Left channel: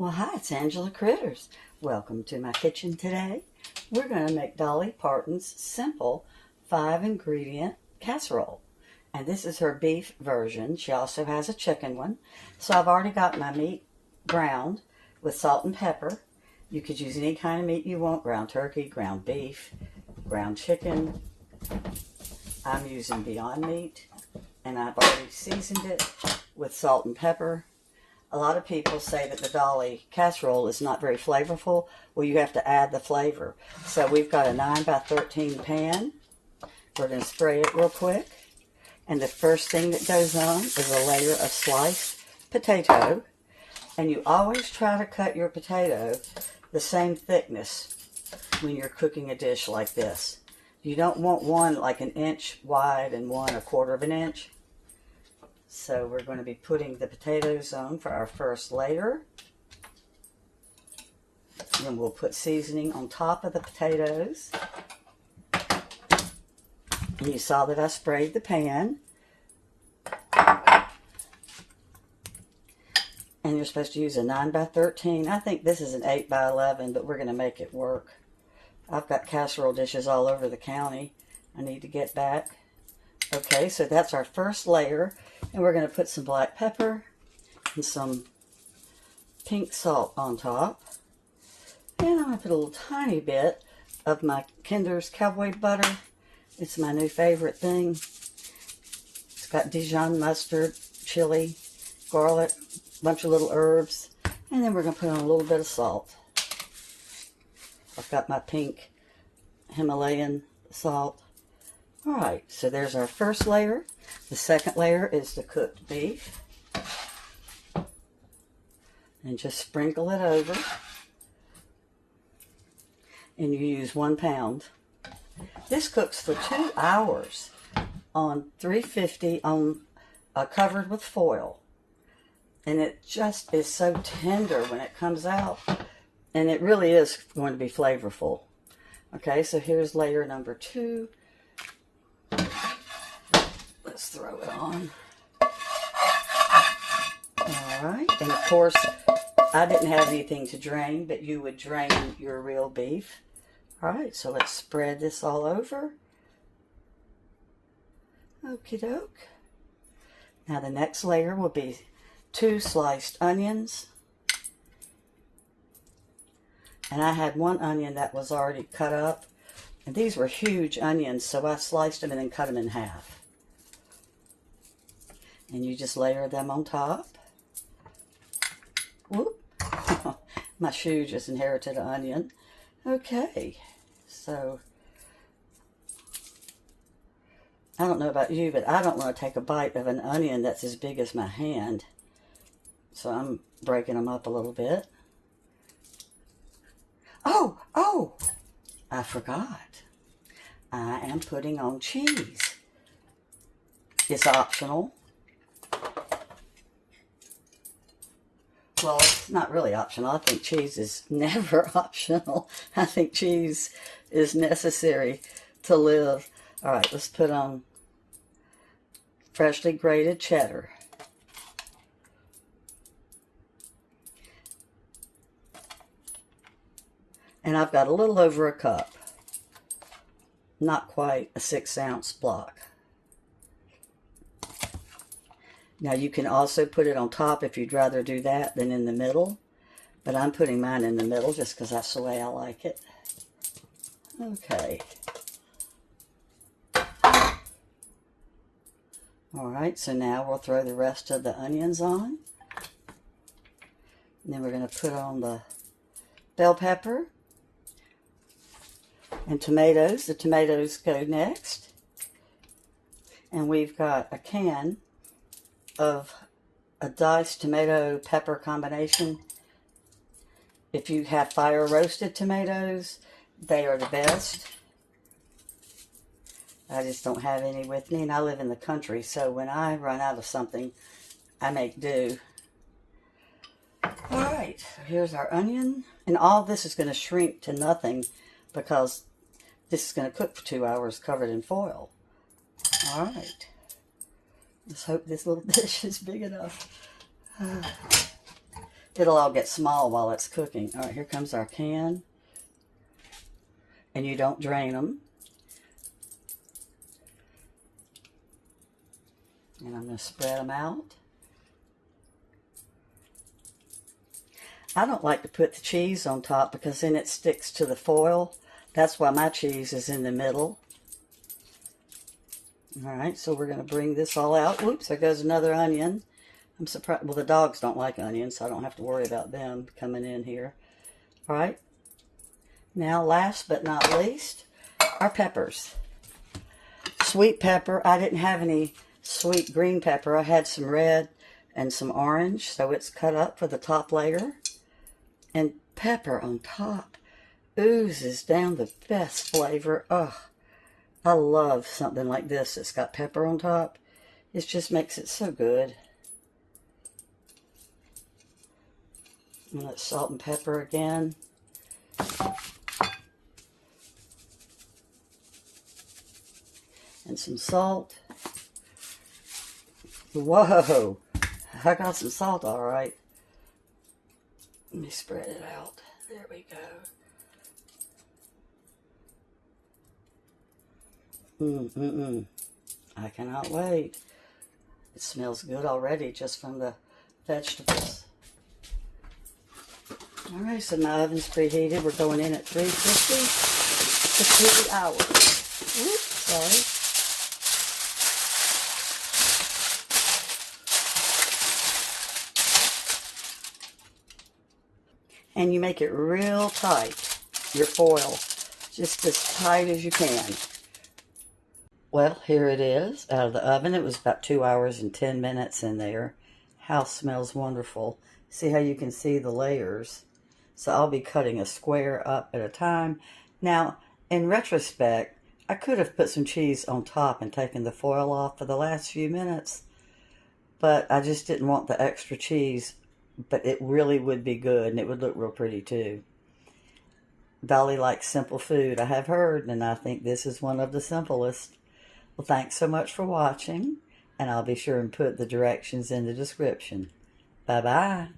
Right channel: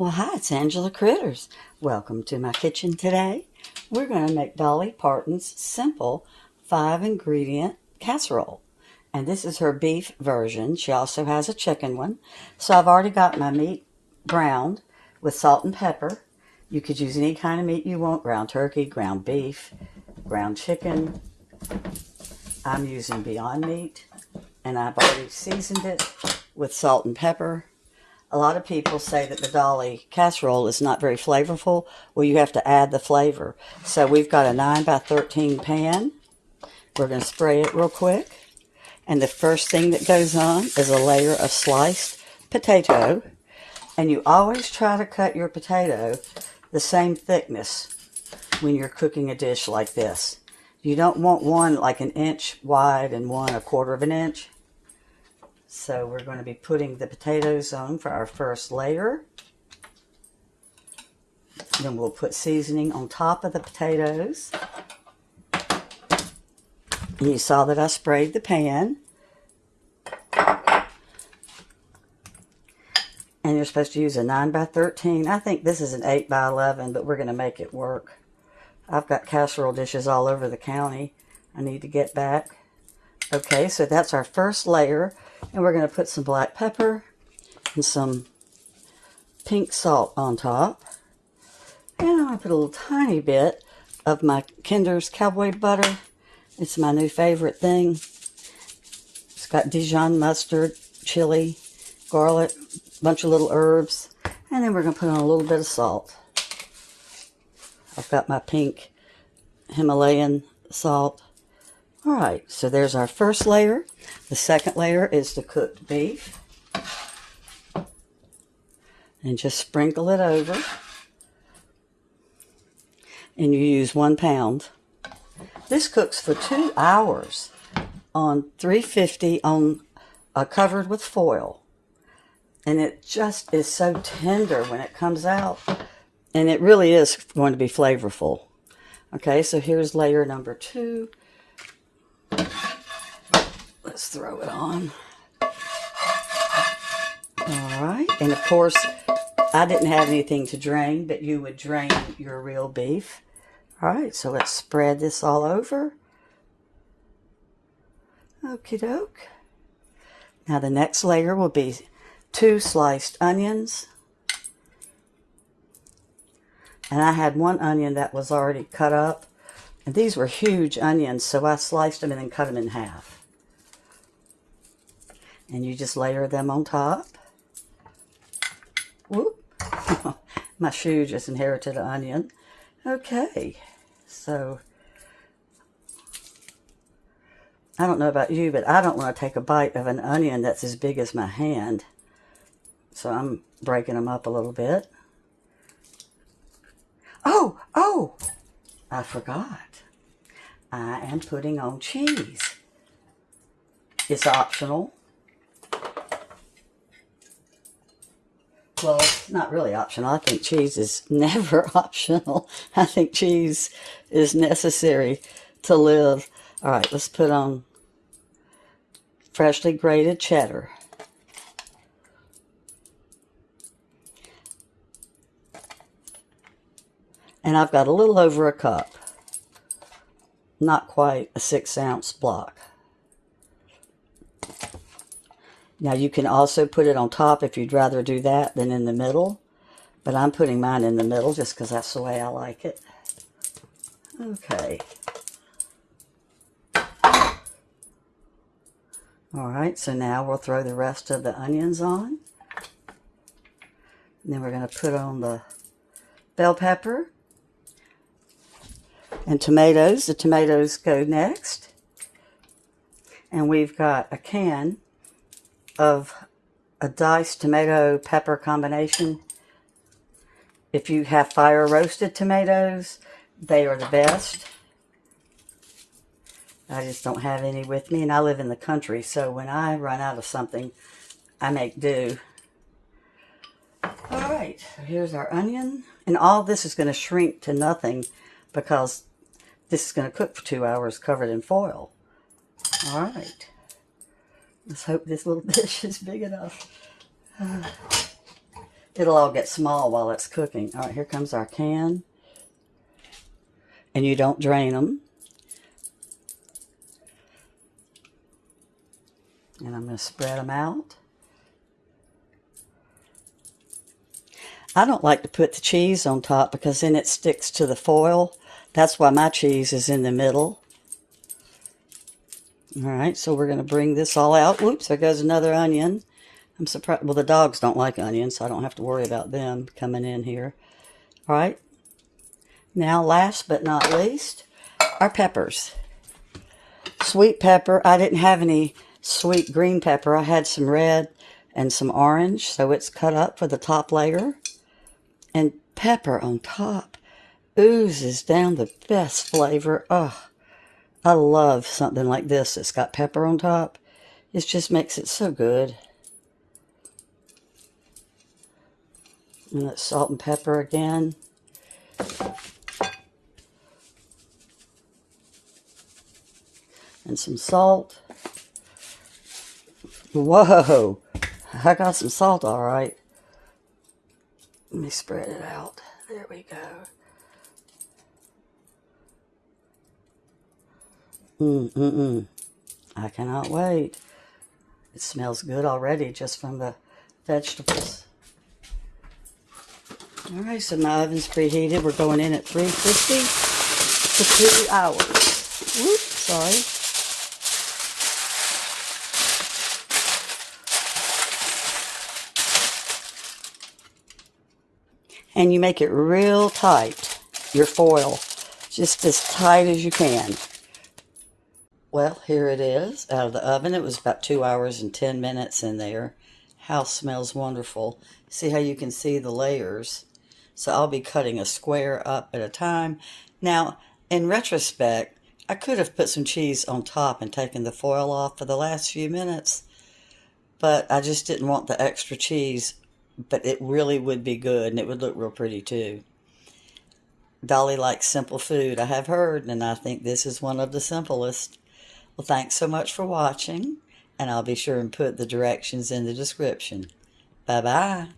Well, hi, it's Angela Critters. Welcome to my kitchen today. We're going to make Dolly Parton's simple 5-ingredient casserole. And this is her beef version. She also has a chicken one. So I've already got my meat browned with salt and pepper. You could use any kind of meat you want: ground turkey, ground beef, ground chicken. I'm using Beyond Meat, and I've already seasoned it with salt and pepper. A lot of people say that the Dolly casserole is not very flavorful. Well, you have to add the flavor. So we've got a 9 by 13 pan. We're going to spray it real quick. And the first thing that goes on is a layer of sliced potato. And you always try to cut your potato the same thickness when you're cooking a dish like this. You don't want one like 1 inch wide and one 1/4 of an inch. So we're going to be putting the potatoes on for our first layer. Then we'll put seasoning on top of the potatoes. And you saw that I sprayed the pan. And you're supposed to use a 9 by 13. I think this is an 8 by 11, but we're going to make it work. I've got casserole dishes all over the county. I need to get back. Okay, so that's our first layer. And we're going to put some black pepper and some pink salt on top. And I'm going to put a little tiny bit of my Kinder's Cowboy Butter. It's my new favorite thing. It's got Dijon mustard, chili, garlic, a bunch of little herbs. And then we're going to put on a little bit of salt. I've got my pink Himalayan salt. All right, so there's our first layer. The second layer is the cooked beef. And just sprinkle it over. And you use 1 pound. This cooks for 2 hours on 350 on covered with foil. And it just is so tender when it comes out. And it really is going to be flavorful. Okay, so here's layer number 2. Let's throw it on. All right, and of course, I didn't have anything to drain, but you would drain your real beef. All right, so let's spread this all over. Okie doke. Now the next layer will be 2 sliced onions. And I had 1 onion that was already cut up. And these were huge onions, so I sliced them and then cut them in half. And you just layer them on top. Whoop. My shoe just inherited an onion. Okay, so I don't know about you, but I don't want to take a bite of an onion that's as big as my hand. So I'm breaking them up a little bit. Oh, I forgot. I am putting on cheese. It's optional. Well, it's not really optional. I think cheese is never optional. I think cheese is necessary to live. All right, let's put on freshly grated cheddar. And I've got a little over a cup. Not quite a 6-ounce block. Now you can also put it on top if you'd rather do that than in the middle. But I'm putting mine in the middle just because that's the way I like it. Okay. Alright, so now we'll throw the rest of the onions on. And then we're going to put on the bell pepper and tomatoes. The tomatoes go next. And we've got a can of a diced tomato pepper combination. If you have fire roasted tomatoes, they are the best. I just don't have any with me, and I live in the country, so when I run out of something, I make do. All right, so here's our onion, and all this is going to shrink to nothing because this is going to cook for 2 hours covered in foil. All right. Let's hope this little dish is big enough. it'll all get small while it's cooking. All right, here comes our can. And you don't drain them. And I'm going to spread them out. I don't like to put the cheese on top because then it sticks to the foil. That's why my cheese is in the middle. All right, so we're going to bring this all out. Oops, there goes another onion. I'm surprised. Well, the dogs don't like onions, so I don't have to worry about them coming in here. All right. Now, last but not least, our peppers. Sweet pepper. I didn't have any sweet green pepper. I had some red and some orange, so it's cut up for the top layer. And pepper on top oozes down the best flavor. Oh, I love something like this that's got pepper on top. It just makes it so good. And that's salt and pepper again. And some salt. Whoa, I got some salt all right. Let me spread it out. There we go. I cannot wait. It smells good already just from the vegetables. All right, so my oven's preheated. We're going in at 350 for 3 hours. Oops, sorry. And you make it real tight, your foil, just as tight as you can. Well, here it is, out of the oven. It was about 2 hours and 10 minutes in there. House smells wonderful. See how you can see the layers? So I'll be cutting a square up at a time. Now, in retrospect, I could have put some cheese on top and taken the foil off for the last few minutes, but I just didn't want the extra cheese. But it really would be good, and it would look real pretty too. Dolly likes simple food, I have heard, and I think this is one of the simplest. Well, thanks so much for watching, and I'll be sure and put the directions in the description. Bye-bye.